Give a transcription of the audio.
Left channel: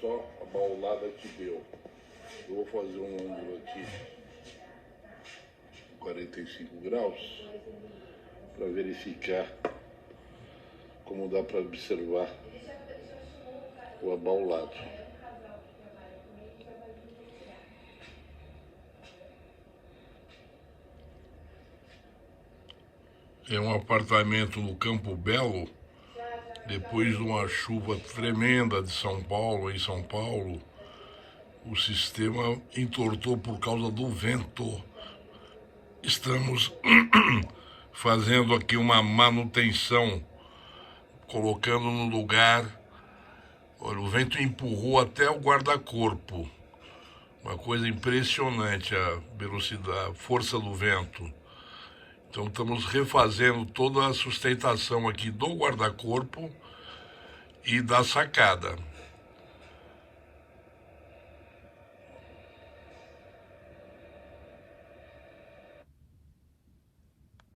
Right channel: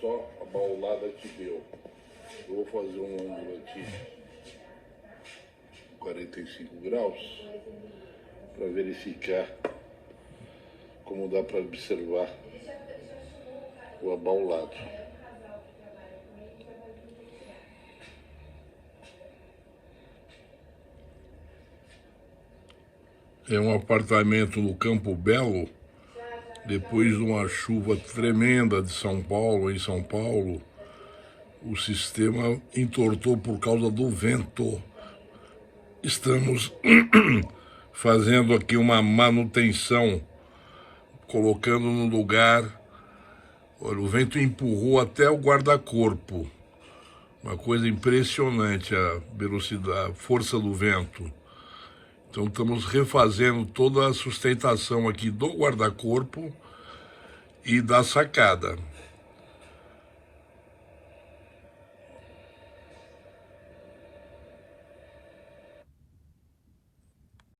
só a baulada que deu. Eu vou fazer um ângulo aqui, 45 graus, para verificar como dá para observar o abaulado. É um apartamento no Campo Belo, depois de uma chuva tremenda em São Paulo, o sistema entortou por causa do vento. Estamos fazendo aqui uma manutenção, colocando no lugar. Olha, o vento empurrou até o guarda-corpo. Uma coisa impressionante a velocidade, a força do vento. Então estamos refazendo toda a sustentação aqui do guarda-corpo e da sacada.